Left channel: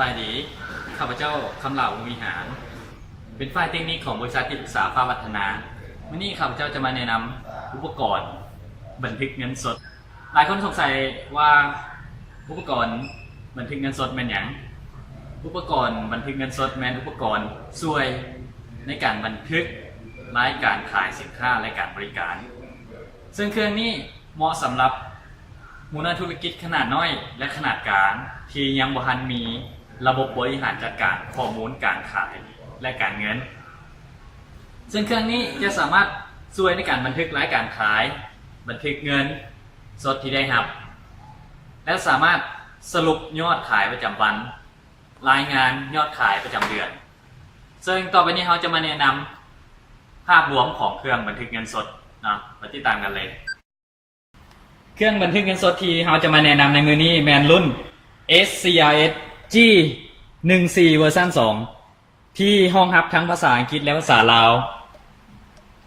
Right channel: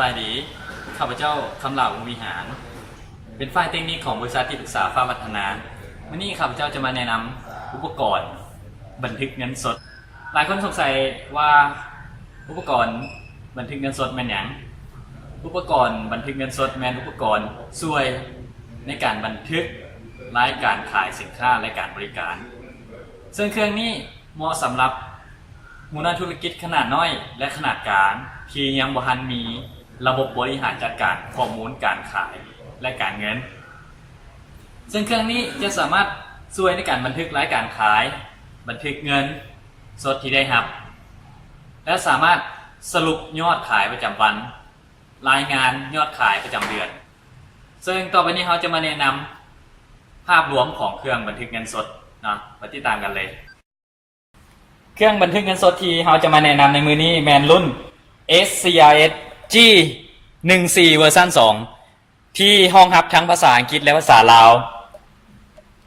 บายดีข้าพเจ้าคำเหล่าวงวิหารเป็นฝ่ายเทคนิคของบริษัทที่ปรึกษาฟ้าวัฒนาวันนี้ข้าพเจ้าจะมาแนะนำอุปกรณ์บันทึกเงินสดหลายคนสงสัยว่าอุปกรณ์บันทึกเงินสดแม่นหยังอุปกรณ์บันทึกเงินสดแม่นอุปกรณ์ช่วยในการบันทึกรายการขายสินค้าและการบริการซึ่งเครื่องนี้เหมาะสำหรับมูลธุรกิจขนาดน้อยและขนาดกลางที่ยังบ่ทันมีระบบบริหารจัดการข้อมูลการขายและการเงินซึ่งเครื่องนี้จะสามารถช่วยในการบันทึกรายการขายบันทึกเงินสดที่ได้รับและสามารถสรุปยอดขายประจำวันรายงานยอดขายประจำเดือนซึ่งต่อไปนี้เราจะมาแนะนำภาพรวมของเครื่องบันทึกเงินสดนะมาติดตามกันเลยเครื่องบันทึกเงินสดที่เราจะมาแนะนำในมือนี้แมนรุ่น SCRS G14 เวอร์ชัน2ที่ห้องรับทั้งภาษาอังกฤษและภาษาลาว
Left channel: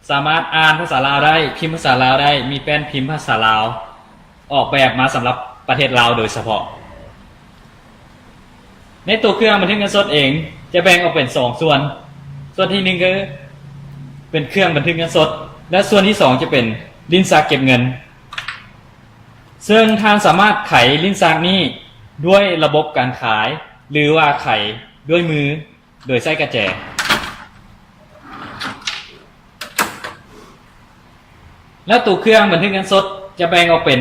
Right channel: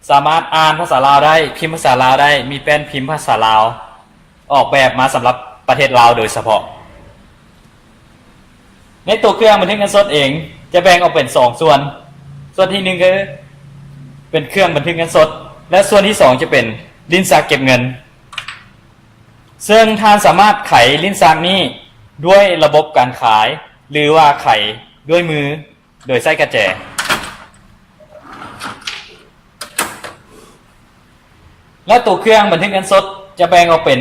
สามารถอ่านภาษาลาวได้พิมพ์ภาษาลาวได้มีแป้นพิมพ์ภาษาลาวออกแบบมาสำหรับประเทศลาวโดยเฉพาะในตัวเครื่องบันทึกเงินสดเองจะแบ่งออกเป็น2ส่วนที่1คือเป็นเครื่องบันทึกเงินสดและส่วนที่2จะเป็นลิ้นชักเก็บเงินซึ่งท่านสามารถไขลิ้นชักนี้ด้วยระบบการขายหรือว่าไขด้วยมือโดยใช้กระแจและตัวเครื่องบันทึกเงินสดจะแบ่งออกเป็น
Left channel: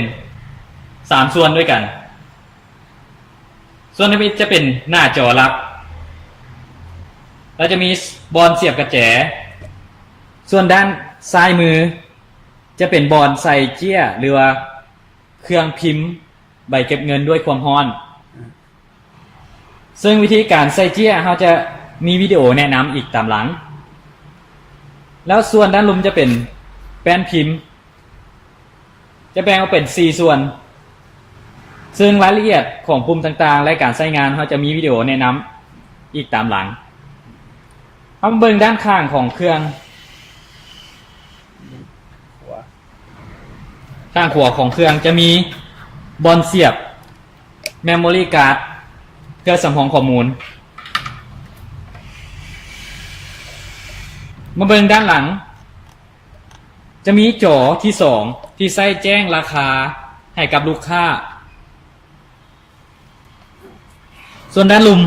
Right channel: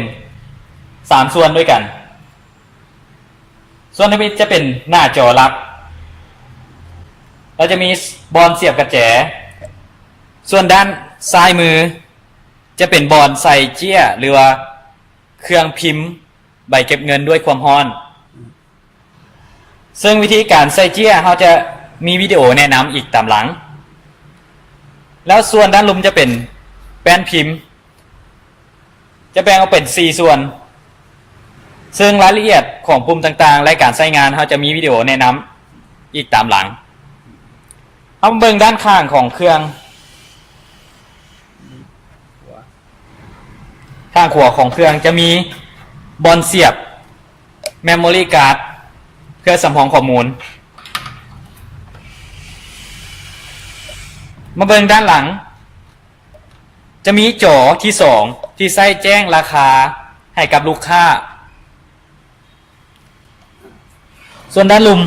3ส่วนด้วยกันส่วนที่จะเป็นหน้าจอรับแล้วจะมีบอลเสียบกระแจส่วนด้านซ้ายมือจะเป็นบอลใส่เจี้ยหรือว่าเครื่องพิมพ์ใบเก็บเงินด้วยความร้อนซึ่งวิธีการใส่เจี้ยเราจะมีวิดีโอแนะนำอีกตามหลังแล้วส่วนด้านลมจะเป็นแป้นพิมพ์จะแบ่งออกเป็น4ส่วนซึ่งรายละเอียดของปุ่มต่างๆและการใช้งานเราจะมีวิดีโอแนะนำอีกตามหลังเอาเบิ่งด้านข้างของเครื่องข้างขวาของเครื่องจะมีบอลเสียบ Memory Card เพื่อสำรองข้อมูลมาเบิ่งด้านหลังจะมีจอที่2ที่ใส่แจ้งราคาให้กับลูกค้าส่วนด้านลุม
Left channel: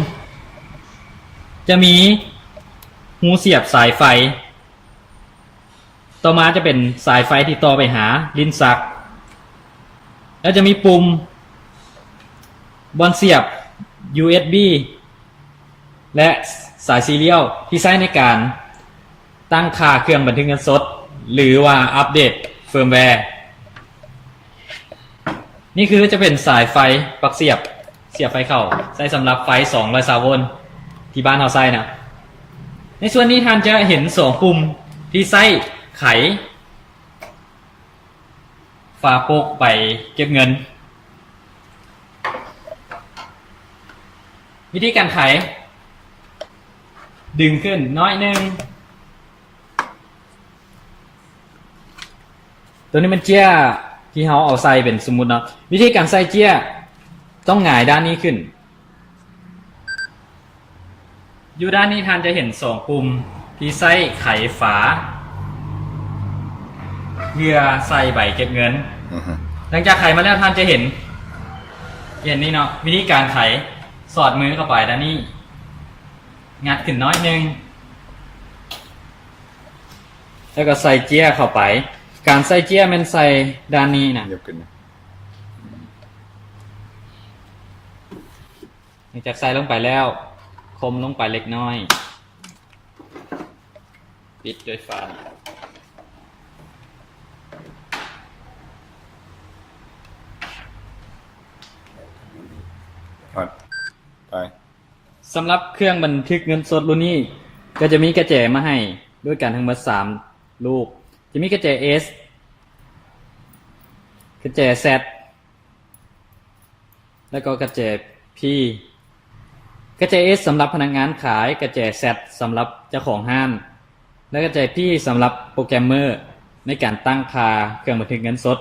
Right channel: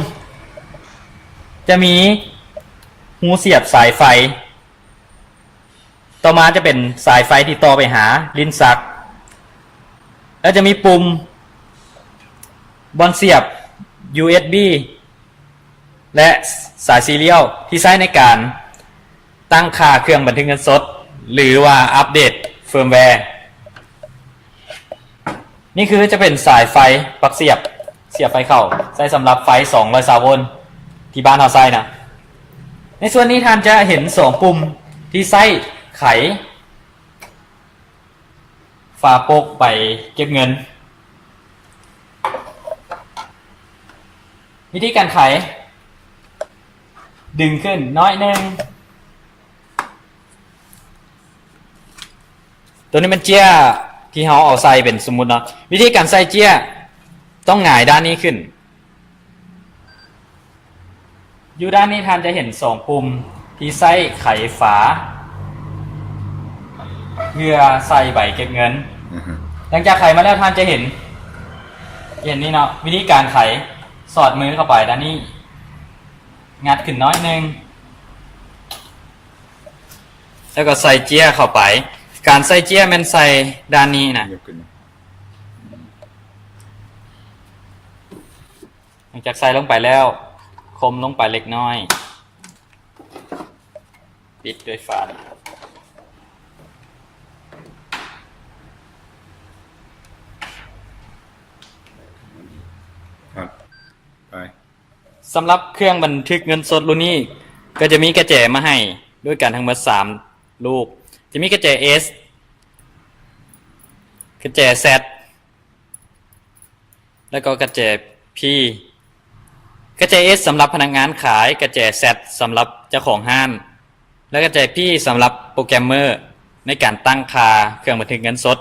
จะมีหูเสียบสายไฟต่อมาจะเป็นสายไฟที่ต่อไปหาลิ้นชักแล้วจะมีปุ่มบอลเสียบ USB และสายซีเรียลที่ใช้ในการตั้งค่าเครื่องบันทึกเงินสดหรือว่าอัปเดตเฟิร์มแวร์นี่คือจะเป็นสายไฟปลั๊กเสียบไฟเข้าใช้สำหรับไฟ220 โวลต์ที่บ้านเราใช้นะในส่วนนี้ท่านจะเห็น2ปุ่มที่ใช้ไขฝาโปกใบเก็บเงินวิธีการไขดึงขึ้นน้อยนึงตัวนี้เป็นเจี้ยที่เขาเอาใส่เป็นสมมุติเนาะวิธีการใส่เจี้ยต้องหงายด้านนี้ขึ้นอยู่ด้านนี้ท่านจะเห็น2ปุ่มที่ใส่ไขฝาเพื่อใส่ใบเก็บเงินหลังจากไขมาแล้วท่านจะเห็นนี่เนาะวิธีการไขสอดมือเข้าไปด้านนี้งัดขึ้นน้อยนึงแล้วก็ใส่เจี้ยเข้าไปการใส่เจี้ยมันใส่ด้านนี้นะหลังจากใส่ลงไปแล้วคมลงไปเล็กน้อยปิดด้วยฝาสำหรับเครื่องบันทึกเงินสดรุ่นนี้ก็จะมีกระแจมาให้ด้วยกันทั้งหมด3ลูกจะมีกระแจ S กระแจ Z แล้วก็กระแจ P กระแจ S สำหรับพนักงานขายกระแจ Z สำหรับเจ้าของห้างและกระแจ P สำหรับโปรแกรมเมอร์ในการตั้งค่าเครื่องบันทึกเงินสด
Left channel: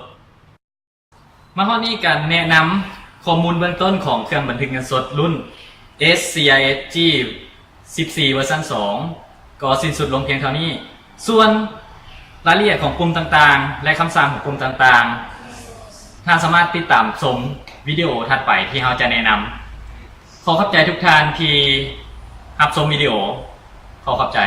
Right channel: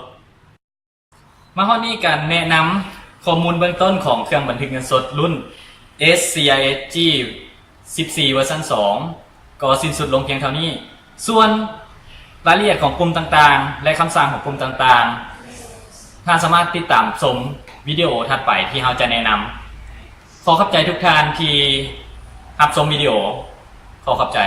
มาข้อนี้การแนะนำข้อมูลเบื้องต้นของเครื่องบันทึกเงินสดรุ่น SCISG 14เวอร์ชัน2ก็สิ้นสุดลงเพียงเท่านี้ส่วนรายละเอียดของปุ่มต่างๆและคำสั่งของปุ่มต่างๆท่านสามารถติดตามชมวิดีโอถัดไปที่เราจะแนะนำขอขอบใจทุกท่านที่รับชมวิดีโอขอขอบใจ